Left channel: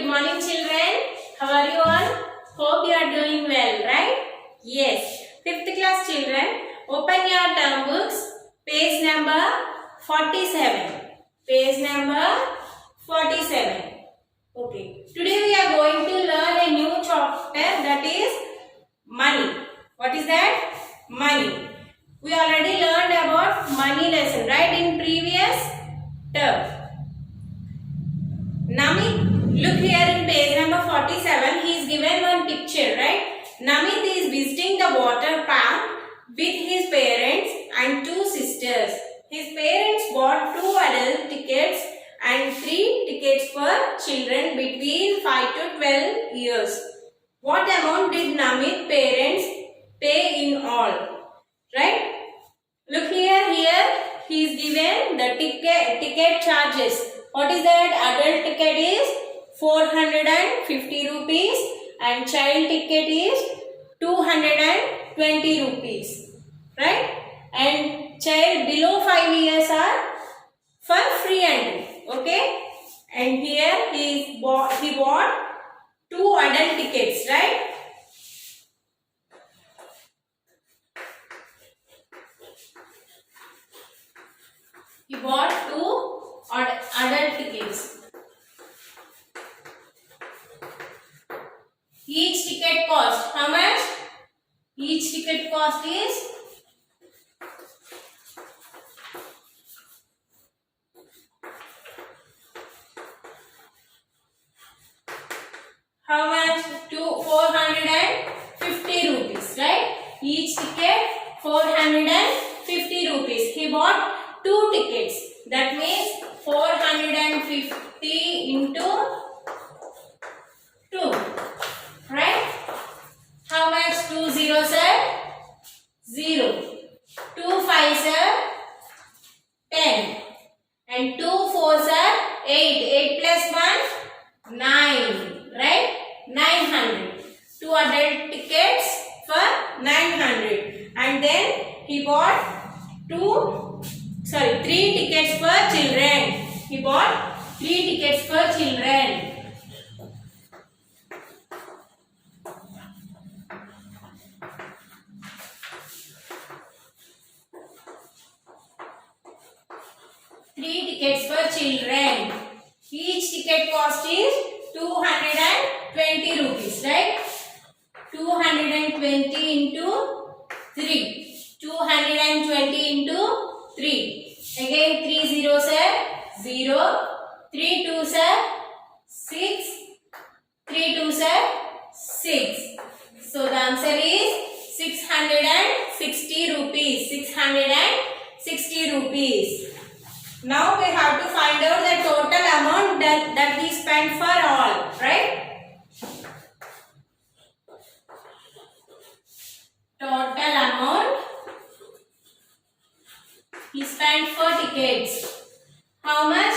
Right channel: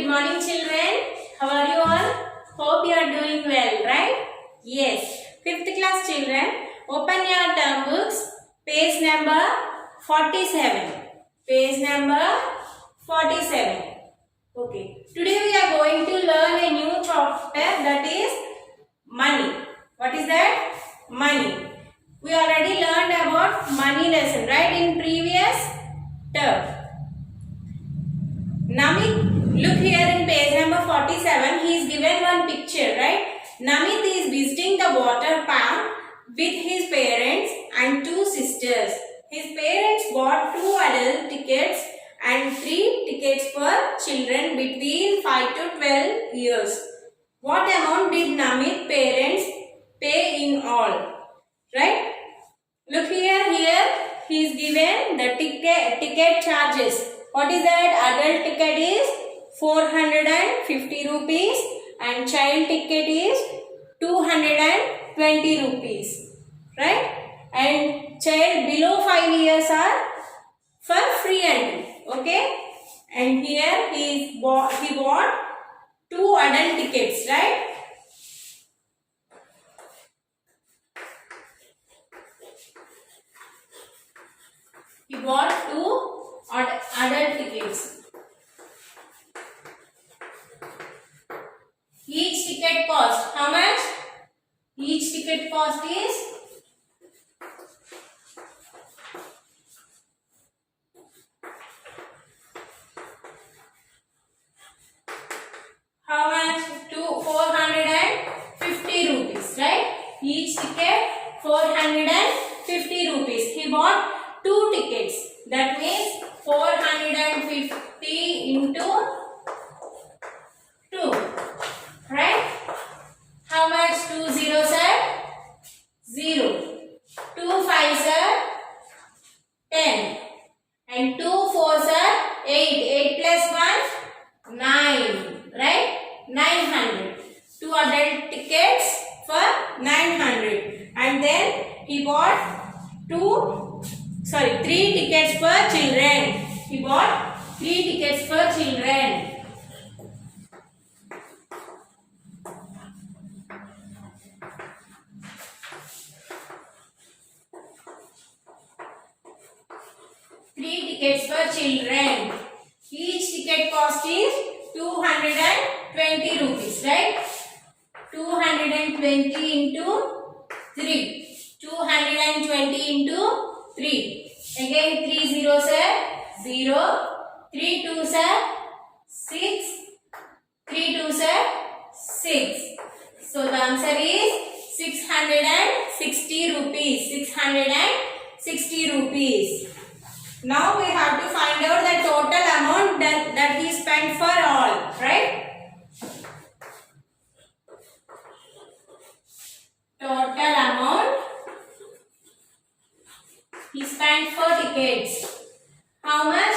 good morning children. How are you all? Hope you are doing well, right? Yes. 5th class children, open your term books, page number 47. Page number 47. Okay. Today we are going to learn a new chapter, that is money. What is that? Money. We already learned about money lesson, right, in previous term. Namit, look here in page number 47, he is given one picture, right? Namit is visiting the water park with his parents and 2 sisters. His parents bought 2 adult tickets and 3 tickets for children between 5 to 12 years. What amount did Namit's parents pay in all? Right? Look here, he is given the ticket charges. What is that? Adult ticket is 450 rupees and child ticket is 220 rupees. Right? And child below 5 years are for free entry. Okay? And here he bought 2 adult tickets. Right? He bought 2 adult tickets. Each ticket cost, how much? Each ticket cost is how much? 450 rupees, right? Each ticket 450 rupees. He bought 2 tickets. That means 450 into 2. Right? How much? 2 zeros are 0. 2 fives are 10. And 2 fours are 8. 8 plus 1, 9. Right? 900. 2 adult tickets for 900. And then he bought 3 tickets for children. He bought 3 tickets for children. Each ticket cost is 220 rupees, right? 220 into 3. 220 into 3. Again 3 zeros are 0. 3 twos are 6. 3 twos are 6. So the answer is 660 rupees. 660 rupees. Now we have to find out the total amount that he spent for all, right? Total amount he spent for tickets. How much?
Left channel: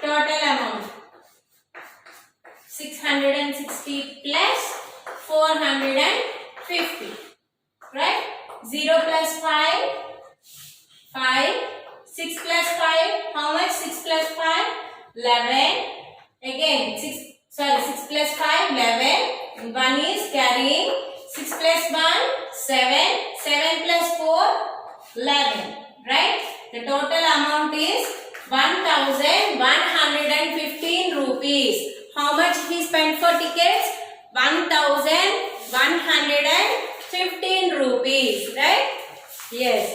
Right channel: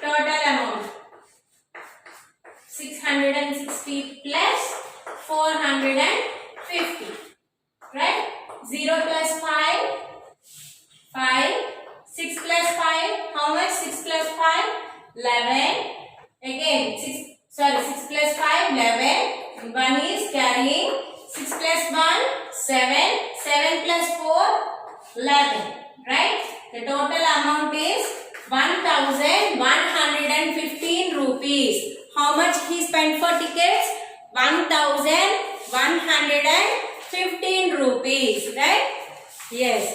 Total amount 660 plus 450, right? 0 plus 5, 5. 6 plus 5, how much? 6 plus 5, 11. Again 6 plus 5, 11. 1 is carrying. 6 plus 1, 7. 7 plus 4, 11. Right? The total amount is 1115 rupees. How much he spent for tickets? 1115 rupees, right? Yes.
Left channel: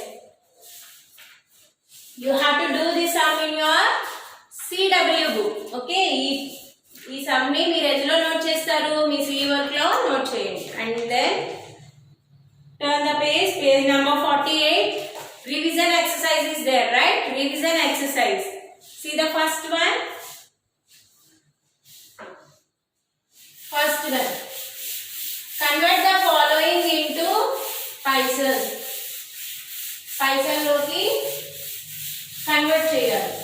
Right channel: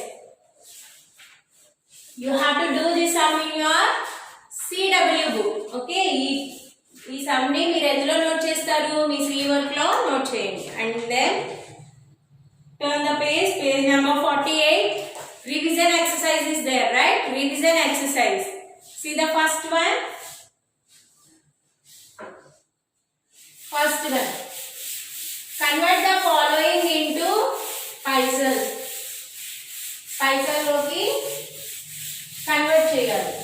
You have to do this sum in your CW book. Okay? ఈ sum ని మీరు ఎందులో note చేస్తారు? మీ CE work లో note చేయండి. And then turn the page number 48. Revision exercise is there, right? Revision exercise. See the first one. First one. Convert the following into paisas. పైసల్లోకి convert చేయాలి.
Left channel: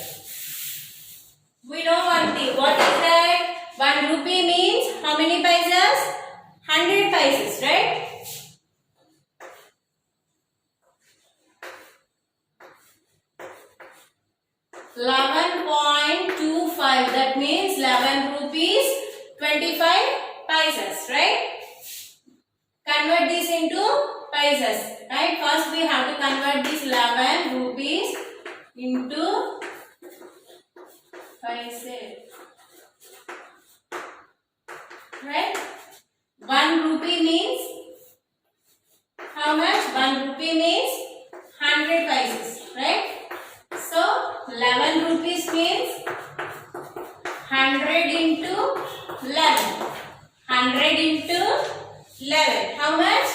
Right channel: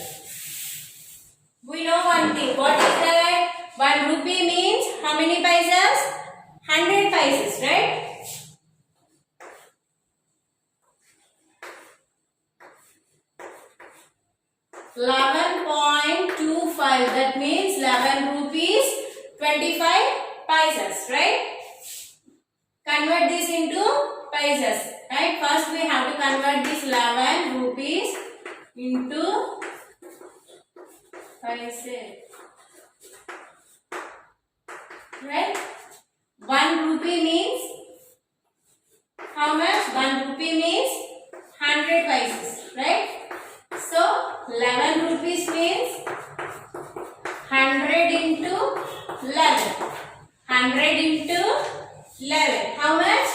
We know one thing. What is that? 1 rupee means how many paisas? 100 paisas, right? 11.25. That means 11 rupees 25 paisas, right? Convert this into paisas, right? First we have to convert this 11 rupees into paise, right? 1 rupee means how much? 1 rupee means 100 paisas, right? So 11 rupees means 100 into 11. 100 into 11. How much?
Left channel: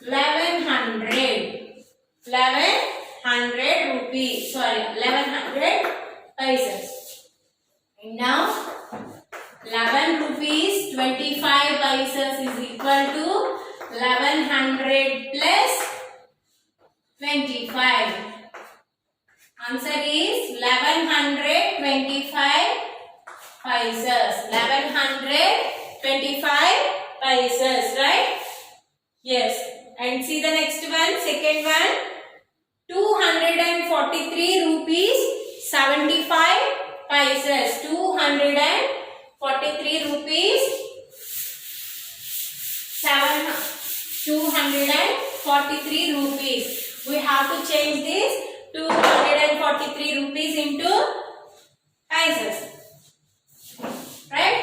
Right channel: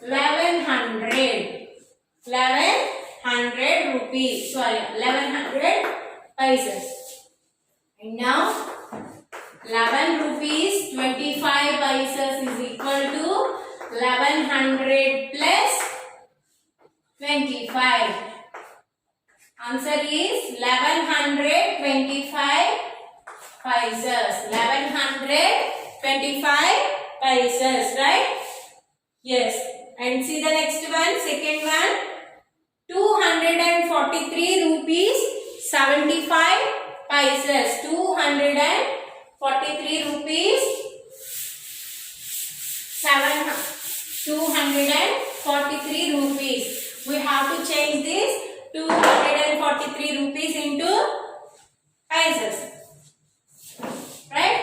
1100. 1100 rupees. Sorry, 1100 paisas. And now 11 rupees 25 paisas is equal to 1100 plus 25. Answer is 1125 paisas. 1125 paisas, right? Yes. And see the next one, second one. 243 rupees 75 paisas. 243 rupees 243 rupees. We have to change this 243 rupees into paisas, right?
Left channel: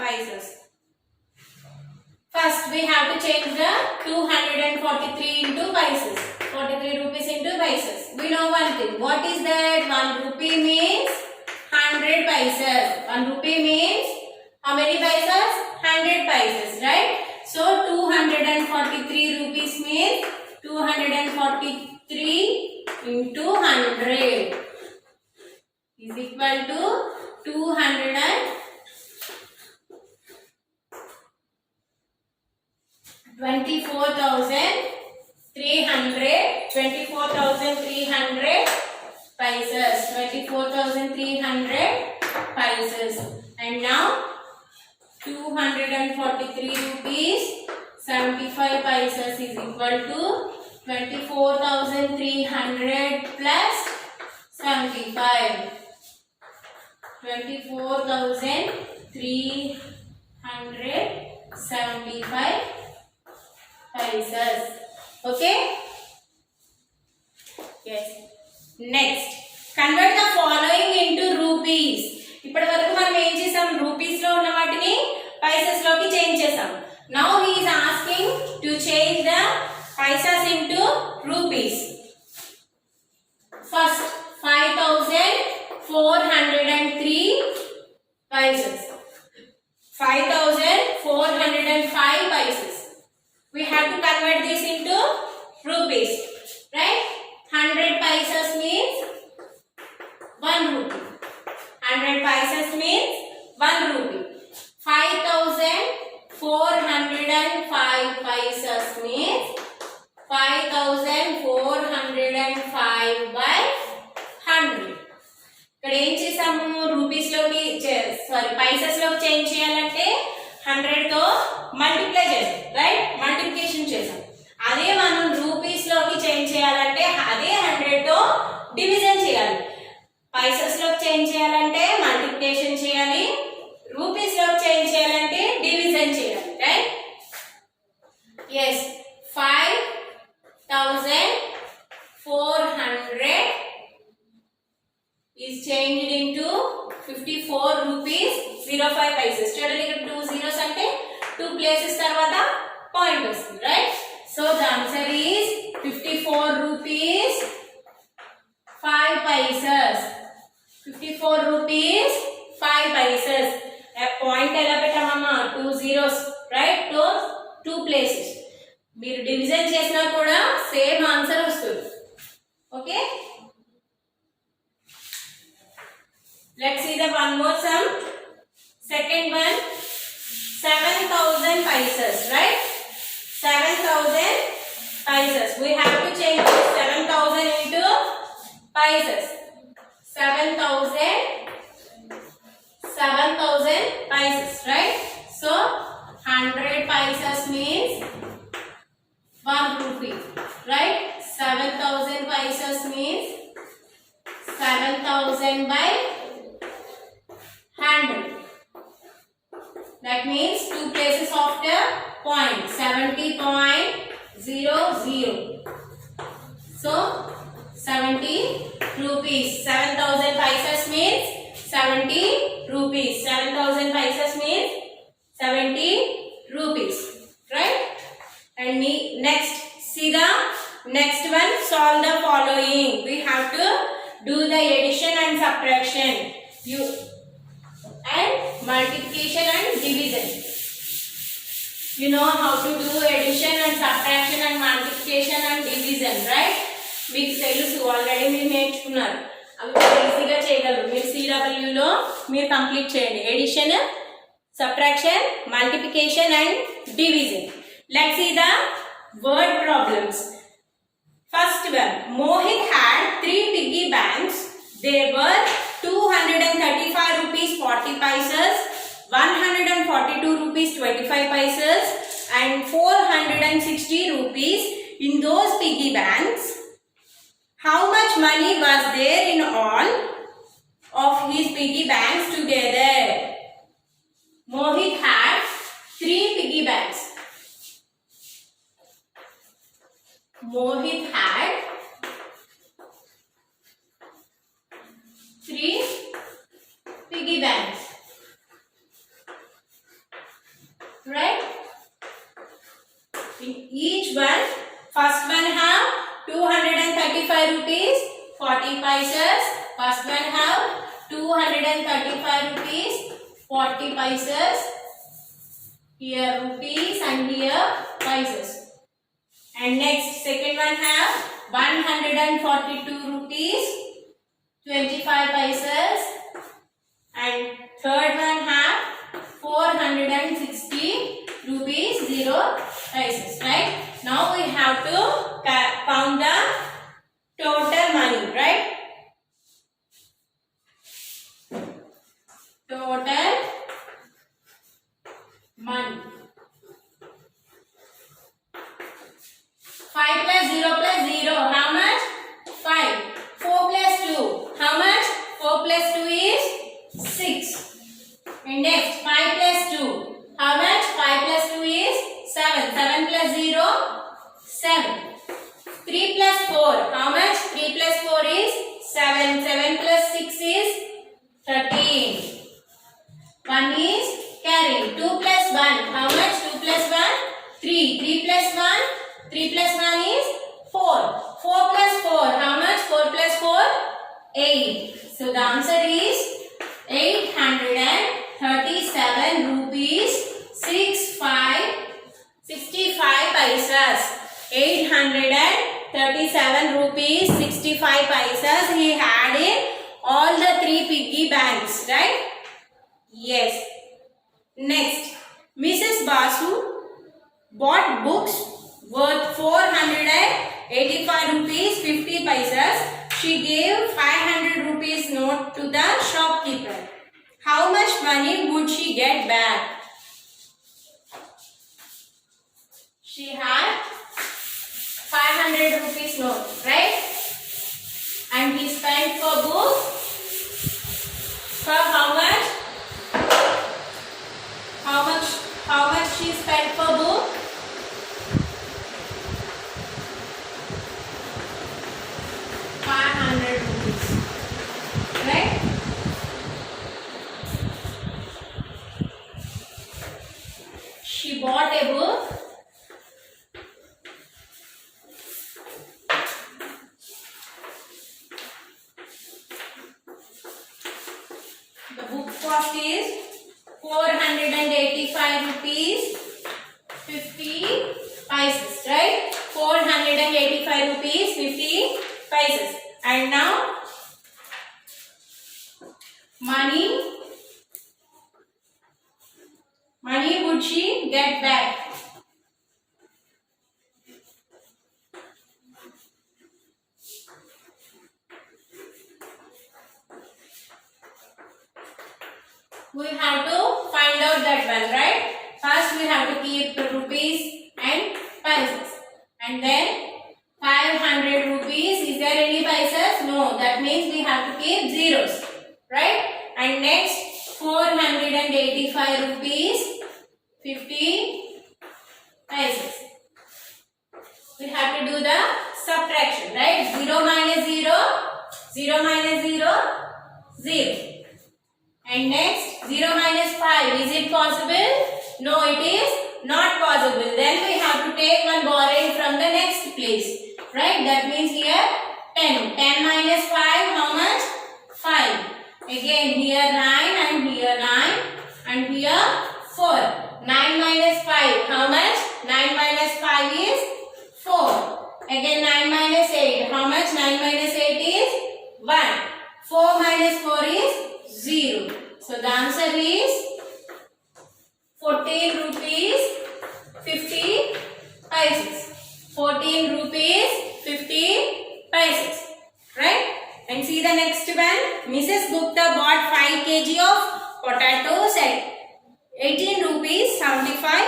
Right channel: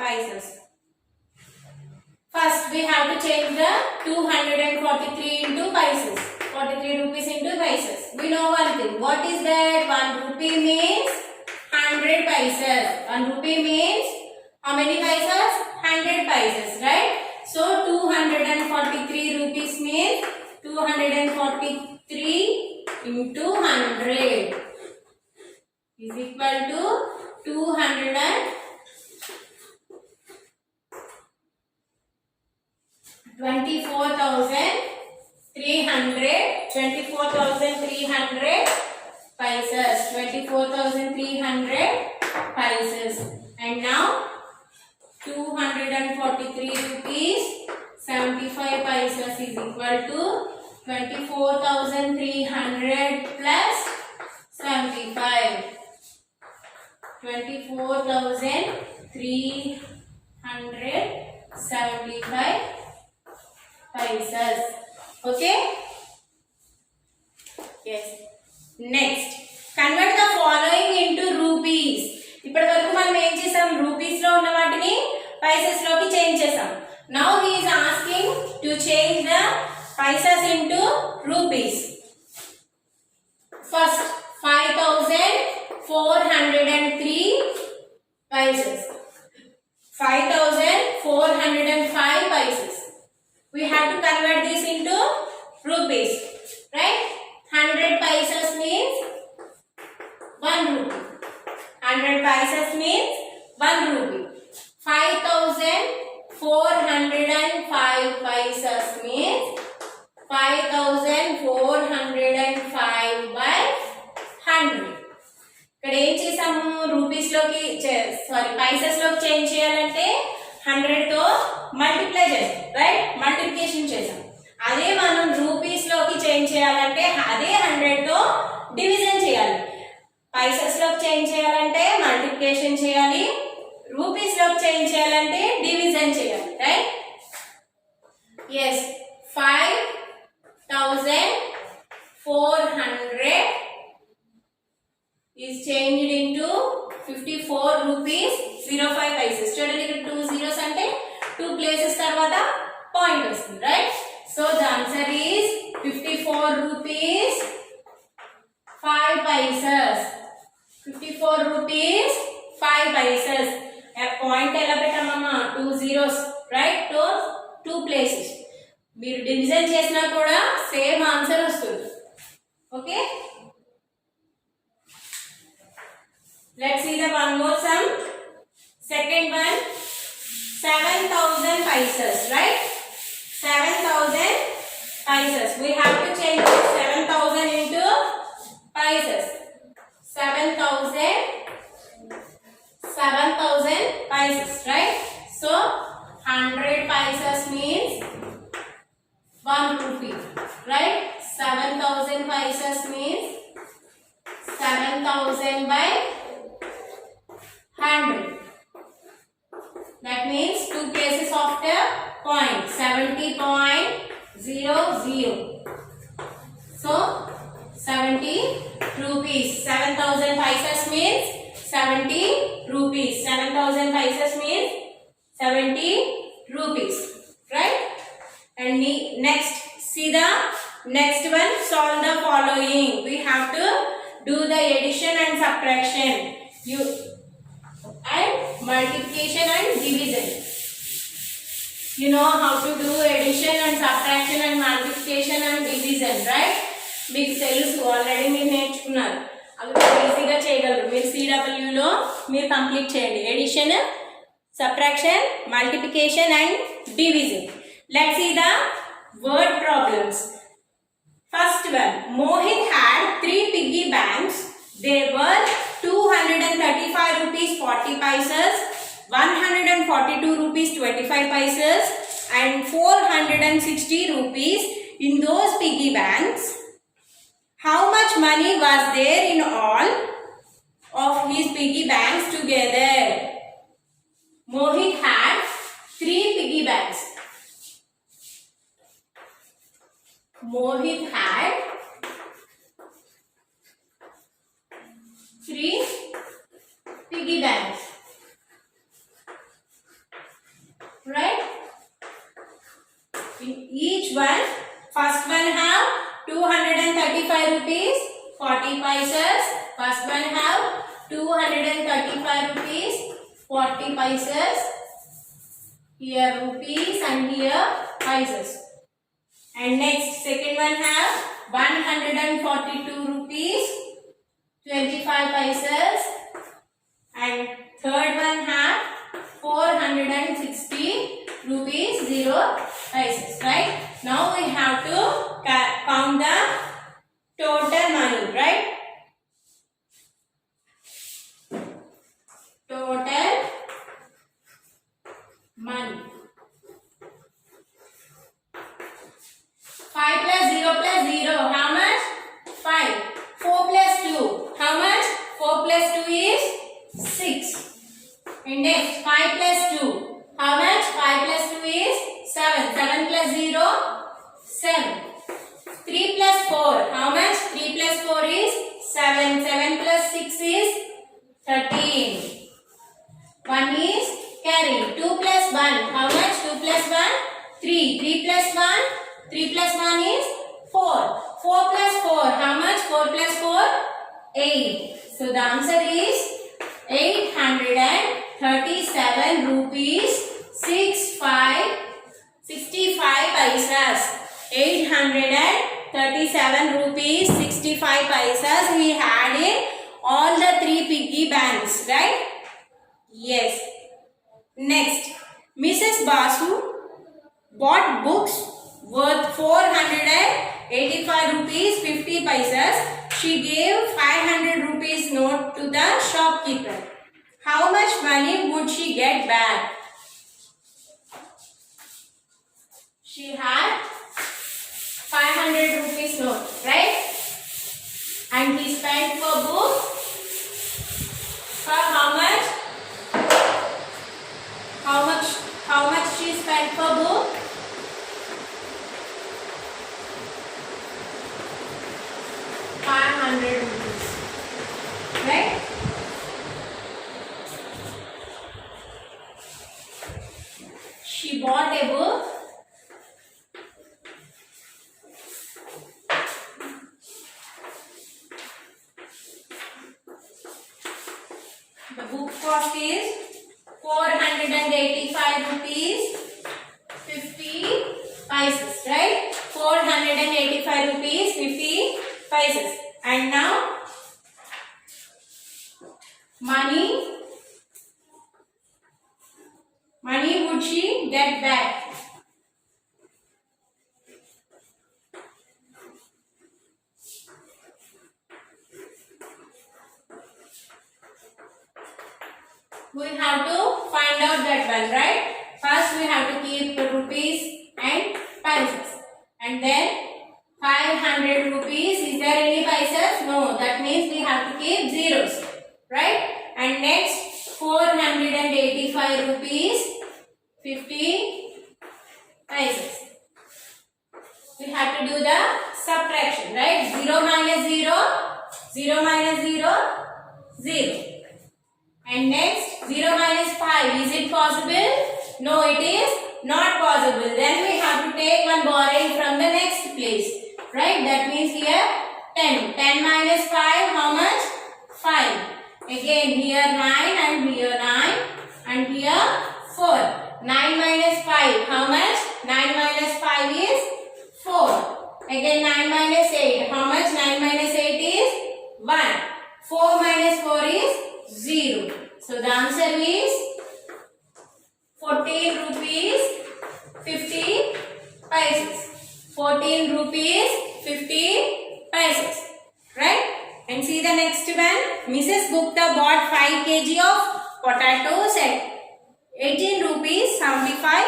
Paisas. First we have to change the 243 into paisas. 43 rupees into paisas. We know one thing. What is that? 1 rupee means 100 paisas. 1 rupee means how many paisas? 100 paisas, right? So 243 rupees means 243 into 100 is equal to 24,300 paisas. 24,300 paisas. And now 243 rupees 75 paisas is equal to 24,300 plus 75. 24,375 paisas. Okay? Yes. Next, convert the following into rupees. ఇప్పటి వరకు మనం ఏం చేసాం? Rupees లో ఉన్న వాటిని Pisces లోకి change చేసాం. Now he is asking to change the paisas into rupees. First, 5,403 paisas. 5,405 paisas. We have to convert this into rupees, right? 100 paisas means 1 rupee. 100 paisas means 1 rupee. 5,405 paisas means 5,405 by 100. ఇక్కడ ఏం చేసాము? Rupees లోకి sorry Pisces లోకి change చేయాలంటే 100 తో multiply చేసాం, right? Multiplication చేసాం. అదే మనం రూపీస్ లోకి చేంజ్ చేయాలంటే అదే 100 తో డివిజన్ చేయాలి. పైసెస్ లోకి చేంజ్ చేయాలంటే మల్టిప్లికేషన్ చేయాలి. రూపీస్ లోకి చేంజ్ చేయాలంటే డివిజన్ చేయాలి, right? yes 5,400 is changed into 54 rupees 05 paisas. చూడండి ఇక్కడ 2 zeros అంటే 2 places తర్వాత పాయింట్ వస్తుంది, right? So the answer is 54 rupees 5 paisas. 54 rupees 5 paisas. A point ఎలా పెట్టామమ్మా? 2 zeros, రైట్? 2 places. మీరు డివిజన్ చేసినా కూడా సేమ్ ఆన్సర్ వస్తుంది. Okay, let's see the one more sum. Second one, 7,000 paisas, right? 7,000 paisas. We have to change this 7,000 into paisas. 7,000 paisas, right? So 100 means 2 places of the point. 70.00. So 70 rupees. 7,000 paisas means 70 rupees. 7,000 paisas means 70 rupees. Right? And next, see the next one. Solve the following. We have to do the addition and subtraction. And multiplication and division. You know how to do addition and subtraction and multiplication and division, right? మీకు తెలుసు already మీరు నేర్చుకున్నారు. అవి మీరు ఈజీగా చేయగలరు. మీరు CWలో మీరు కంప్లీట్ చేయండి. Addition, subtraction, multiplication and division. Let's see the word problems. First one, Mohit had 3 piggy banks. They were 235 rupees 40 paisas, 142 rupees 25 paisas and 460 rupees in those piggy banks. How much money was there in all of his piggy banks together? Mohit had 3 piggy banks. Mohit had 3 piggy banks. Right? In each one, first one have 235 rupees 40 paisas. First one have 235 rupees 40 paisas. Here rupees and here paisas. And next, second one have 142 rupees 25 paisas. And third one have 460 rupees 0 paisas. Right? Now we have to count the total money. Right? Total money. 5 plus 0 plus 0. How much? 5. 4 plus 2. How much? 4 plus 2 is 6. And next, 5 plus 2. How much? 5 plus 2 is 7. 7 plus 0, 7. 3 plus 4. How much? 3 plus 4 is 7. 7 plus 6 is 13. 1 is carry. 2 plus 1. How much? 2 plus 1? 3. 3 plus 1? 3 plus 1 is 4. 4 plus 4. How much? 4 plus 4? 8. So the answer is 837 rupees 65 paisas. 837 rupees 65 paisas he had in all the 3 piggy banks, right? Yes. Next, Mrs. Basu bought books worth 485 rupees 50 paisas. She gave 500 rupees note to the shopkeeper. How much money would she get back? She had 500 rupees note, right? And he spent for book for how much? How much she spent for book? 500 rupees, right? She bought a book the book cost is 485 rupees 50 paisas, right? 485 rupees 50 paisas. And now money would she get back? We have to find out that one, right? First we have to keep the rupees and paisas. And then 500 rupees. Is there any paisas? No. That means we have to keep zeros. Right? And next 485 rupees 50 paise. We have to do the subtraction, right? 0 minus 0, 0 minus 0, 0. And next, 0 minus 5. Is it possible? No, it is not possible. Then we have to take one borrowing from the next place, right? That means here 10. 10 minus 5, how much? 5. Again, here 9 and here 9 and here 4. 9 minus 5, how much? 9 minus 5 is 4. Again 9 minus 8. How much? 9 minus 8 is 1. 4 minus 4 is 0. So the answer is 14 rupees 50 paise. 14 rupees 50 paise. Right? And see the next one. Mrs. Gupta bought 5 kg of potatoes at 18 rupees 75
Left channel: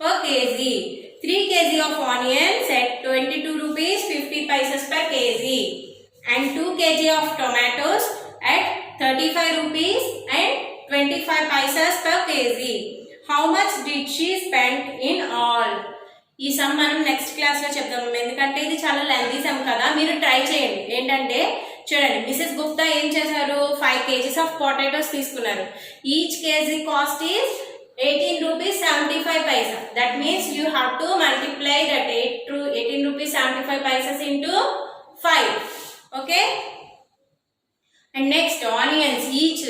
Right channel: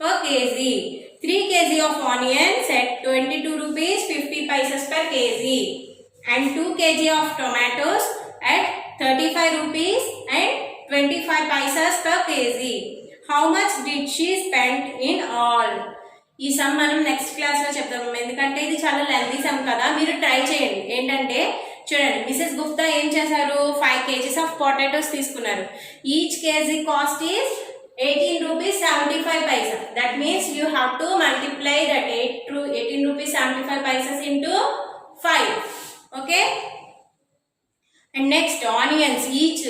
per kg. 3 kg of onions at 22 rupees 50 paise per kg. And 2 kg of tomatoes at 35 rupees and 25 paise per kg. How much did she spend in all? ఈ some మనం next క్లాస్లో చెప్తాము, ఎందుకంటే ఇది చాలా lengthy some కదా. మీరు try చేయండి. ఏంటంటే చూడండి, మిసెస్ గుప్తా ఏం చేశారు, 5 kgs ఆఫ్ పొటాటోస్ తీసుకున్నారు. Each KG cost is 18 rupees 75 paisa. That means you have to multiply that 18 rupees 75 paisa into 5. Okay? And next, onions. Each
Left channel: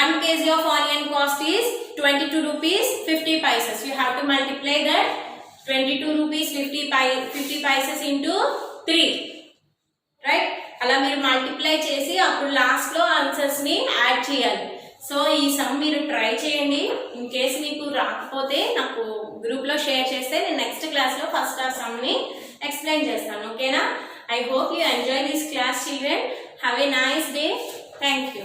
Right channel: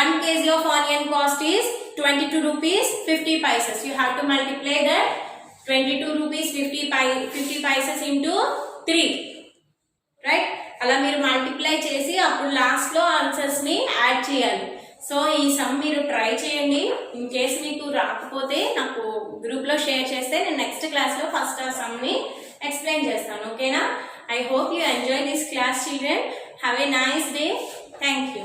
1 kg of onion cost is 22 rupees 50 paisa. You have to multiply that 22 rupees 50 paisa into 3. Right? అలా మీరు multiply చేసి అప్పుడు లాస్ట్లో ఆన్సర్స్ని add చేయాలి. So ఈ some మీరు try చేయండి. In case మీకు రాకపోతే నాకు గ్రూప్లో షేర్ చేస్తే నేను నెక్స్ట్ క్లాస్లో ఫస్ట్ ఆ సమ్ని ఎక్స్ప్లెయిన్ చేస్తాను. ఓకేనా? I hope you enjoy this class children. Have a nice day. Thank you.